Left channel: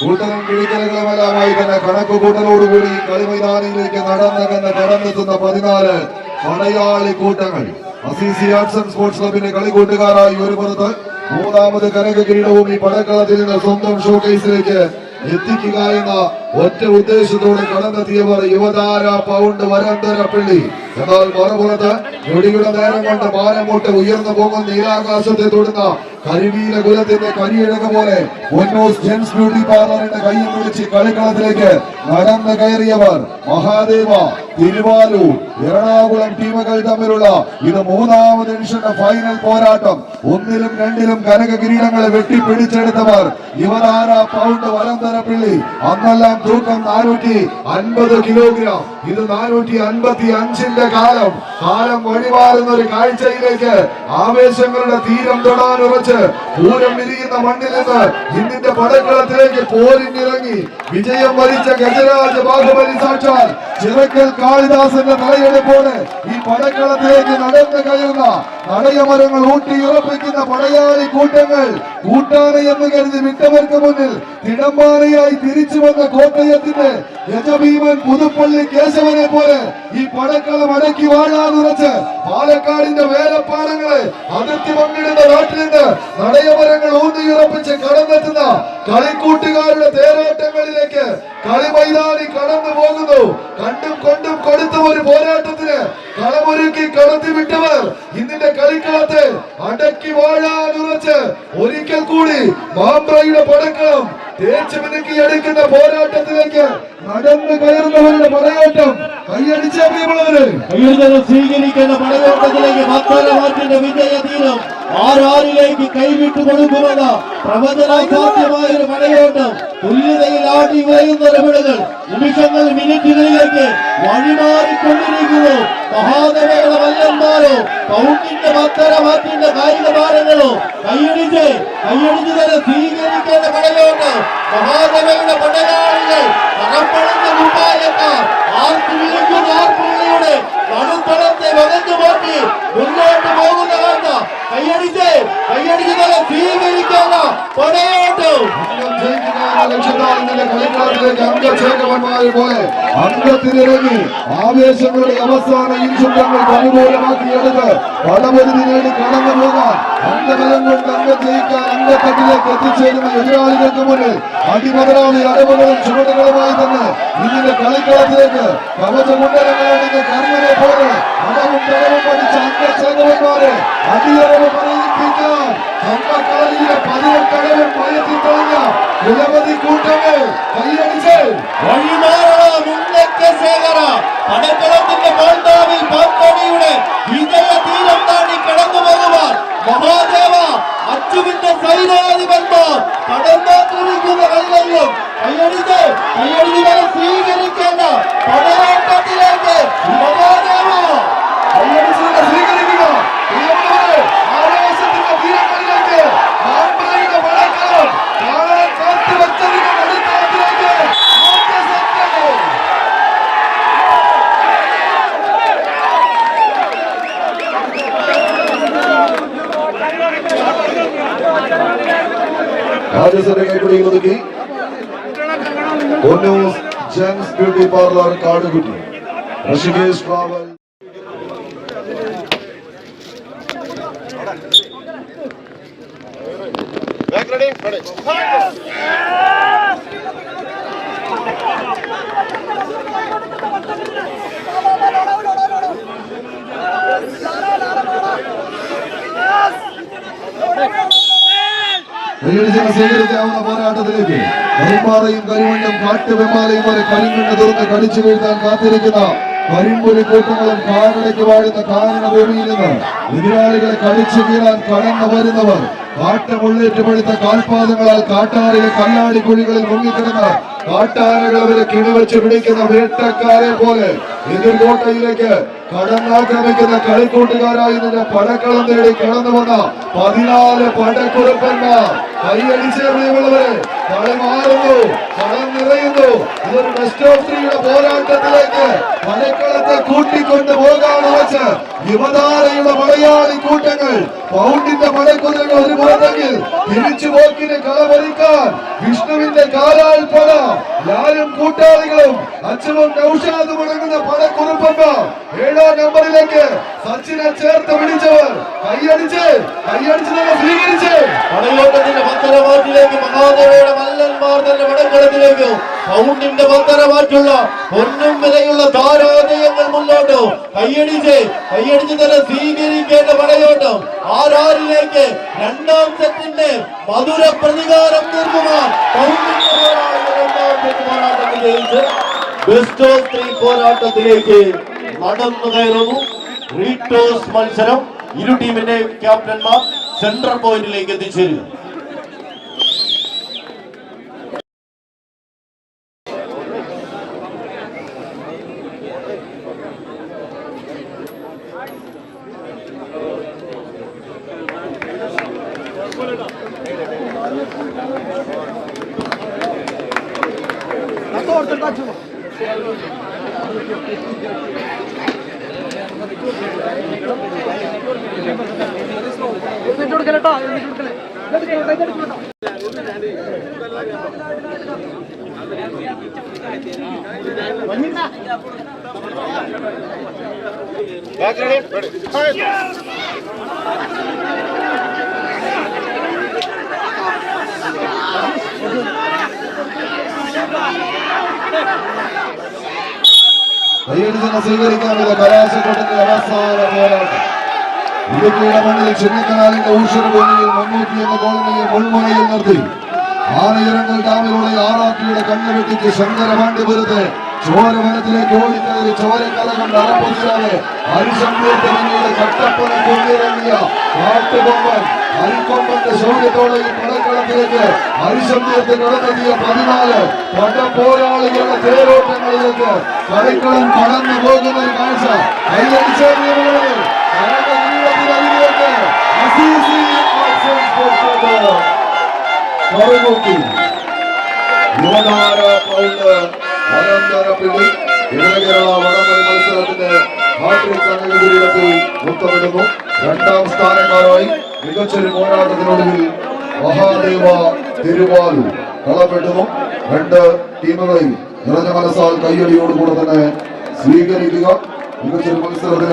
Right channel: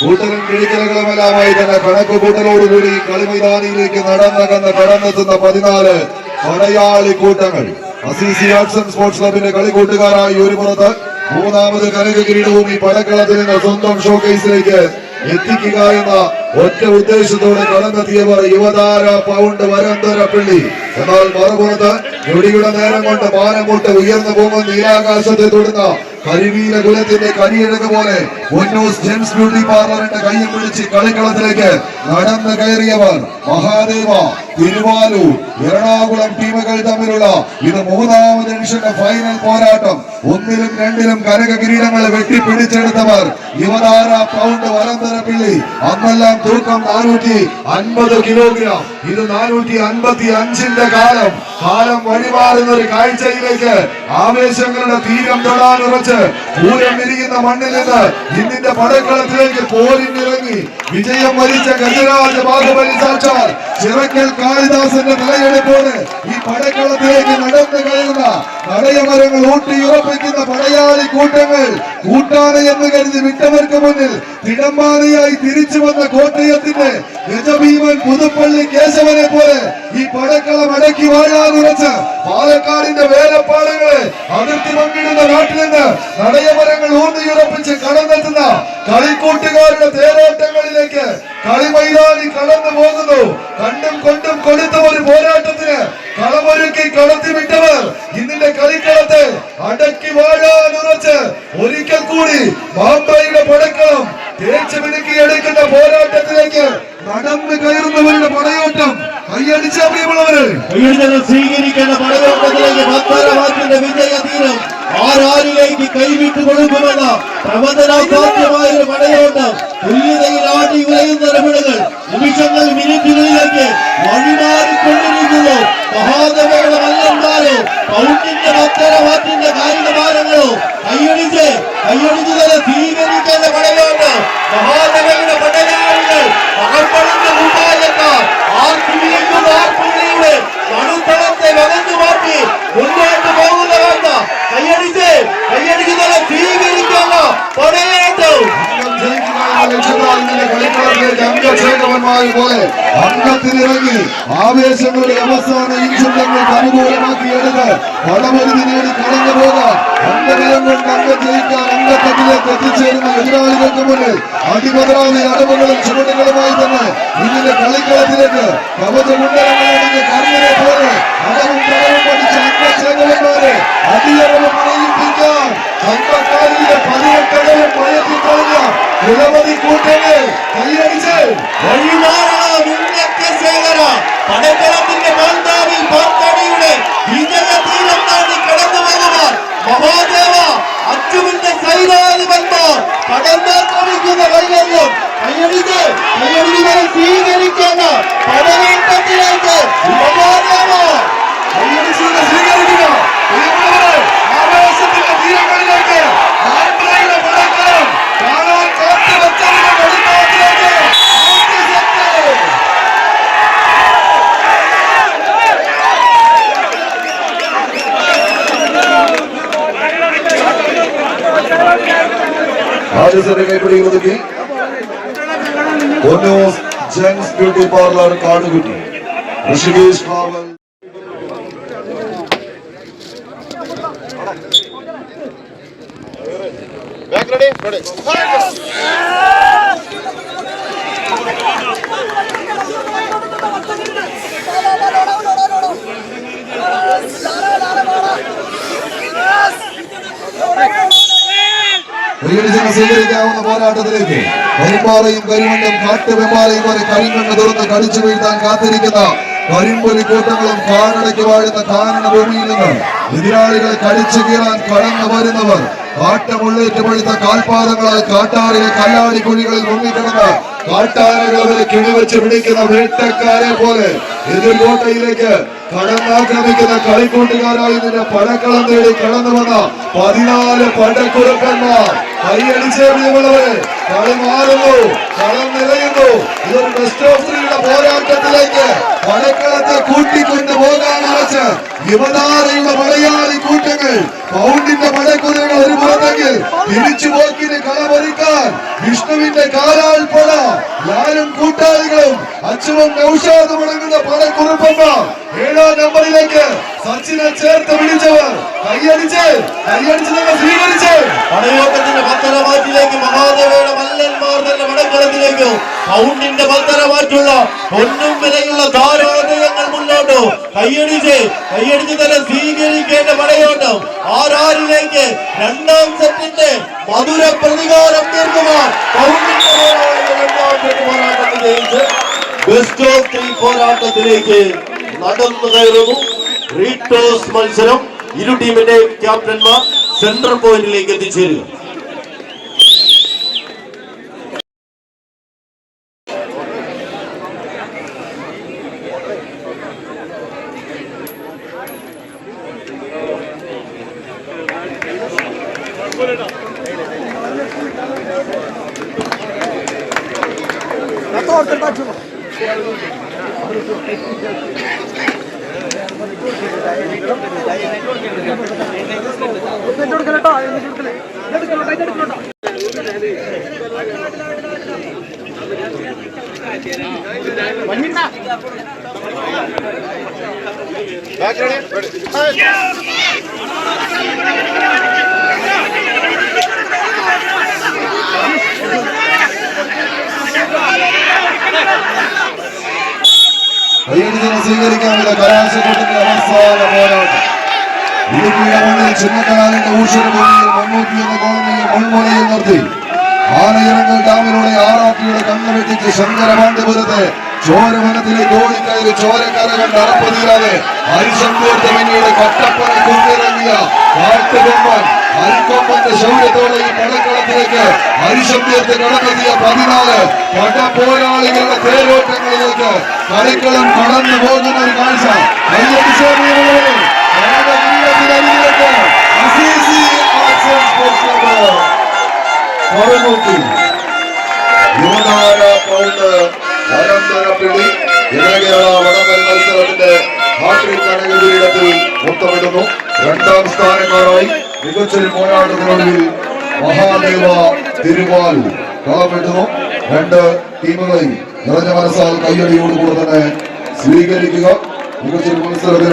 കൂട്ടലും കിഴിക്കലുകളുമെല്ലാമായി തന്നെ കണക്ക് കൂട്ടലോടുകൂടി കളിമൈതാനിയിലേക്ക് കടന്നെത്തുന്ന 14 പടയാളി കൂട്ടങ്ങൾ. അസീസി ആർട്സ് ആൻഡ് സ്പോർട്സ് ക്ലബിന്റെ കളിക്കൂട്ടുകാരായി ഒരു പുറത്ത്, മൂന്നാമത് കനക കിരീടവും ഈ പടക്കളത്തിൽ നിന്ന് സ്വന്തം ഷോക്കേസിലേക്ക് എത്തിക്കുക എന്ന ഒറ്റ ഉദ്ദേശത്തോടെ കടന്നെത്തിയവർ യുവതാര പൗണ്ട് വരന്തരപ്പിള്ളി. എന്നാൽ മറുപുറത്ത് ഞൊടിയുടെ നേരം കൊണ്ട് മാനമൂട്ട് ഉയർന്നു പോകുന്ന നീലാകാശത്തെ തൊടുന്ന കരിവീര കുലത്തിന്റെ കരിയിഴക പോലെ ഒന്നോസ് ജെൻസ് ബ്യൂട്ടി പാർലറിന്റെ കൈയും പിടിച്ച് കളിക്കളത്തിലേക്ക് നടന്നു കയറിയവർ മഹാദേവ, തിരുവാലൂർ, എറണാകുളം ടീമുകൾ തമ്മിലുള്ള ഇത് 3ാമത് എഡിഷന്റെ ഫൈനൽ പോരാട്ടം. 1ലും 2ലും കനക കിരീടങ്ങളെ വെട്ടിപ്പിടിച്ചെടുത്തവർ യുവതാര പൗണ്ട് വരന്തരപ്പിള്ളി. അന്നെല്ലാം തൂക്കം 450 കിലോഗ്രാം, ഇത് 455ന്റെ കാലം വഴിമാറുന്ന ഒരു കാഴ്ചയിലേക്ക് ആവേശങ്ങളുടെ തീരം തൊടാനുറച്ച് പൂരം വിരിയുന്ന മണ്ണിൽ നിന്ന് ഇന്നിന്റെ പടക്കളത്തിലേക്ക് പോരിനിറങ്ങി വിജയം വരിച്ച ഗജരാജ ബാഹുബലി സാക്ഷാൽ ചിറക്കൽ കാളിദാസന്റെ തലയെടുപ്പോട് ഈ പടക്കളത്തിലേക്ക് നടന്നു കയറുന്ന നടയമരങ്ങൾ ഊട്ടിയുറപ്പിക്കുന്ന പടയാളി കൂട്ടങ്ങൾ. കൂട്ടാന എന്ന് കരുതി വിട്ടവർക്ക് മുന്നിൽ തിടമ്പാനയായി തിരിച്ചു വന്ന കോട്ടയത്തിന്റെ ഗജഭീമൻ പുതുപ്പള്ളി കേശവനെ പോലെ ഈ പടക്കളം അടക്കി വാഴാനുറച്ച് പാലക്കാടിന്റെ വേലപ്പാടുകളെ അതിർത്തി പങ്കിടുന്ന നാട്ടിൽ നിന്ന് നടയമരങ്ങൾ ഊന്നിയുറപ്പിച്ച് കടന്നെത്തുന്ന കളിക്കൂട്ടുകാരുടെ തേരോട്ടങ്ങളിലേക്ക് കളിമൈതാനി കടന്നു പോകുന്നു. കണ്ടും കൊണ്ടും കൊടുത്ത ഒരു പോരാട്ടത്തിന് കളമൊരുക്കി കടത്തിവിട്ടവർ ഇന്നിന്റെ കളിക്കളത്തെ അടക്കി വാഴാനുറച്ച് ഒരിക്കൽ കൂടി മാമ്പയുടെ പടക്കം തേച്ച് മിനുക്കി എടുക്കുന്ന പോരാട്ടത്തിലേക്ക് നടന്നു കയറുന്നവരുടെ പടയോട്ടം കൈയടിച്ച പ്രിയമുള്ളവര് സ്വീകരിക്കേണ്ട പടയോട്ടത്തിലേക്ക് ഭക്തരവാക്കിന്റെ വിജയതീരം ആരാരിലേക്ക് കൈവിട്ടു കൊടുക്കുമെന്ന പ്രവചനാസാധ്യമായ ഒരു പടയോട്ടം. തുല്യതയിൽ ആട്ടി ഉലയുന്ന രമിടുകൾ നിമിഷങ്ങൾ മിനിറ്റുകളിലേക്ക് വഴിമാറിക്കൊണ്ടിരിക്കുന്നു. മഹാദേവയുടെ വല്ലന്മാരോ പൗണ്ടിന്റെ ഭക്തരവാക്കിന്റെ കായിക താരങ്ങളോ കൈയടിച്ച് തന്നെ സ്വീകരിക്കേണ്ട പടയോട്ടം. മഹാദേവയുടെ പടയാളികൾ അകപ്പെടുന്ന മുമ്പായെത്താൻ ആർപ്പുവിളിക്കുന്ന ആർപ്പുവിളിയുടെ മണുത്തളത്തെ വകഞ്ഞു മാറ്റി മുന്നോട്ട് പോകുന്നവർക്ക് കൈയടിച്ച് തന്നെ സ്വീകരിക്കുന്ന പടയോട്ടം. കളിക്കളത്തിലേക്ക് അംഗശേഖരന്മാരെ പോലെ അംഗത്തിലിറങ്ങി ആവേശങ്ങളുടെ അവസാന ഇൻഷുറങ്ങൾക്ക് അനുകൂലമാക്കിയെടുത്ത് പടമരുതി നേടി കടന്നു പോകാൻ അംഗബലം കൊണ്ട് അംഗം ജയിക്കാൻ അംഗത്തട്ടിലേക്ക് എത്തിച്ചേരുന്ന എതിരാളികൾക്ക് മുന്നിൽ അതിപതരാമി അടവുകളും ചുവടുകളുമായി തന്നെ ഇതിന്റെ കളിക്കളത്തിലേക്ക് കവചമുണ്ടലങ്ങളടങ്ങിയ കർമ്മനെ പോലെ അടവും പടവും പഠിച്ച അംഗശേഖരന്മാരെ അടിയറവ് പണിയിപ്പിക്കാൻ കമ്പക്കാലിയുടെ 18 പയറ്റി തുടങ്ങിയ നിരവധി കൂട്ടങ്ങൾ കൈയടിച്ച് പടക്കളത്തിന്റെ പാൽത്താവിൽ പാത്തടിയുടെ വിജയ തീരം താണ്ടി കടന്നു പോകുവാൻ മഹാദേവ അച്ചുവിന്റെ സൈനാധിപന്മാർ കടന്നാക്രമിക്കുന്ന കൈകളിലും കൈയടിച്ച് സ്വീകരിക്കേണ്ട പടയോട്ടത്തിലേക്ക് മഹാദേവ സ്വീകരിക്കുക. ആവേശത്തിന്റെ തീരങ്ങളിലേക്ക് പടക്കാരം കാണാൻ കാത്തുവച്ചതിന്റെ കളിക്കളത്തിലേക്ക് രാജസന്റെ കൈപ്പിടിയിൽ ഒതുക്കി ഒന്നോസ് gents beauty parlour Kadukutty Rishikesh travel ready? സ്വീകരിക്കാവുന്ന പോരാട്ടത്തിലേക്ക് കരിമ്പാറയും കരിമണ്ണും കാട്ടുവെമ്മാലയും വരെ കരിമണ്ണ് തുറന്ന് കടിച്ചു വീഴ്ത്താൻ കാത്തിരിക്കുന്ന കരിമ്പൊലി കൂട്ടങ്ങളും കാനടയ്ക്ക് വാഴുന്ന കാനന ഭൂമിയിൽ നിന്ന് എതിരാളികളെ കടിച്ചു കീറാൻ കടന്നു വരുന്നവർ കാട്ടമുള്ളേറ്റ് പഴുത്ത കാൽപാദങ്ങളാൽ കാട്ടാറിലെ കല്ലാടി കുഴികളിൽ മുങ്ങിക്കിടന്ന് കാട്ടാനകൾ അവരെ കിണിവെച്ച് പിടിക്കുന്ന വേട്ടക്കാരെ പോലെ എതിർകോട്ടയിലേക്ക് കടന്നാക്രമിക്കുന്ന കളിക്കൂട്ടുകാരായി നിന്റെ പടക്കളം തേടി കടന്നു വന്ന 14 പടക്കുറപ്പന്മാർ കൈയടിച്ചേ പ്രിയമുള്ളവരെ. കളി മാറുന്നു, കളം നിറയുന്നു. ഇതൊരു ബെസ്റ്റ് ഓഫ് 3യുടെ പോരാട്ടത്തിലേക്ക് പടക്കളത്തെ കൂട്ടിക്കൊണ്ടു പോകാൻ വെച്ച് യുവതാരയുള്ള മലയാളി കൂട്ടങ്ങൾ പൗണ്ടിന്റെ പടക്കുതിരകൾ ഒരു പുറത്തെങ്കിൽ തിരിച്ചു പോക്കിന് കളമൊരുക്കാൻ വിഷ്ണുവിന്റെ കാലാൽ പുഴ ലാലും കൂട്ടാളികളും അച്ഛനും നൗഷാദും അടങ്ങുന്ന പടക്കുറുപ്പന്മാർ 7ാം നമ്പറിലേക്ക് സച്ചിനെ ചേർത്ത് പിടിച്ചവർ കൈയടിച്ച് തന്നെ സ്വീകരിച്ച് പടയോട്ടത്തിന്റെ പത്തരമാറ്റിലേക്ക് മഹാദേവയുടെ മല്ലന്മാർ തന്നെ പടക്കളത്തിലേക്ക് പൗണ്ടിന്റെ പത്തരമാറ്റുള്ള പൊന്നും വിലയുള്ള ധാരാദയങ്ങൾ മുന്നോട്ട് കൈയടിച്ച് തന്നെ സ്വീകരിക്കേണ്ട പടയോട്ടം ആരാരിലേക്ക് 2ാം സെറ്റിന്റെ മധുര പ്രതികാരം തീർക്കുവാൻ പൗണ്ടിന്റെ പോരാട്ടത്തിലേക്ക് ബെസ്റ്റ് ഓഫ് 3 പോരാട്ടത്തിലേക്ക് നടന്നു കയറുന്നു. റീടോസ് മത്സരം ഇരു ടീമിന്റെ ക്യാപ്റ്റന്മാർ സെൻട്രൽ പോയിന്റിലേക്ക് എത്തിച്ചേരുക. കൈയടിച്ചിനെ സ്വീകരിക്കാനുള്ള കലാശക്കൊട്ടിന്റെ അവസാന പോരാട്ടം. ഇടുക്കിയുടെ മണ്ണിൽ ചിന്നക്കനാലിന്റെ ഊഷരഭൂമിയിൽ 300 എന്ന കോളനിയെ മുൾമുനയിൽ നിർത്തി ആനയിറങ്ങൽ ഡാമിലൂടെ ആറാട്ടിയുടെ കണ്ണു വെട്ടിച്ച് ശങ്കരപാണ്ഡ്യപുരത്ത് ചോരവനത്തിലേക്ക് ഓടിക്കയറി ചോരക്കര കണ്ട് അറപ്പതിരാതെ ഹരിശങ്കോത്തമനിയുടെ കട്ടപ്പന കൊണ്ടിറങ്ങിയ കാട്ടുകൊമ്പൻ അരിക്കൊമ്പന്റെ ശൗര്യത്തോടെ ഈ പടക്കളത്തിലേക്ക് ഹരിശങ്കോത്ത് കടന്നെത്തിയ 14 പടപോരാളികളുടെ തേരോട്ടങ്ങളിലേക്ക് കളിക്കളം കടന്നു പോകുന്ന ഒരു കാഴ്ച യുവതാര പൗണ്ട് വരന്തരപ്പിള്ളി കേരള വടംവലി മത്സരത്തിന്റെ ഹാട്രിക് കിരീടത്തിൽ മുത്തമിടുന്നു. 2ാം സ്ഥാനക്കാരായി മികച്ചൊരു പോരാട്ടത്തിനൊടുവിൽ മഹാദേവ തിരുവാൽ കളമെടുന്നു. 2 ടീമുകളെയും നിറഞ്ഞ മനസ്സാൽ കയ്യടിയോടുകൂടെ തന്നെ സ്വീകരിക്കുക. മികച്ചൊരു മത്സരത്തിന്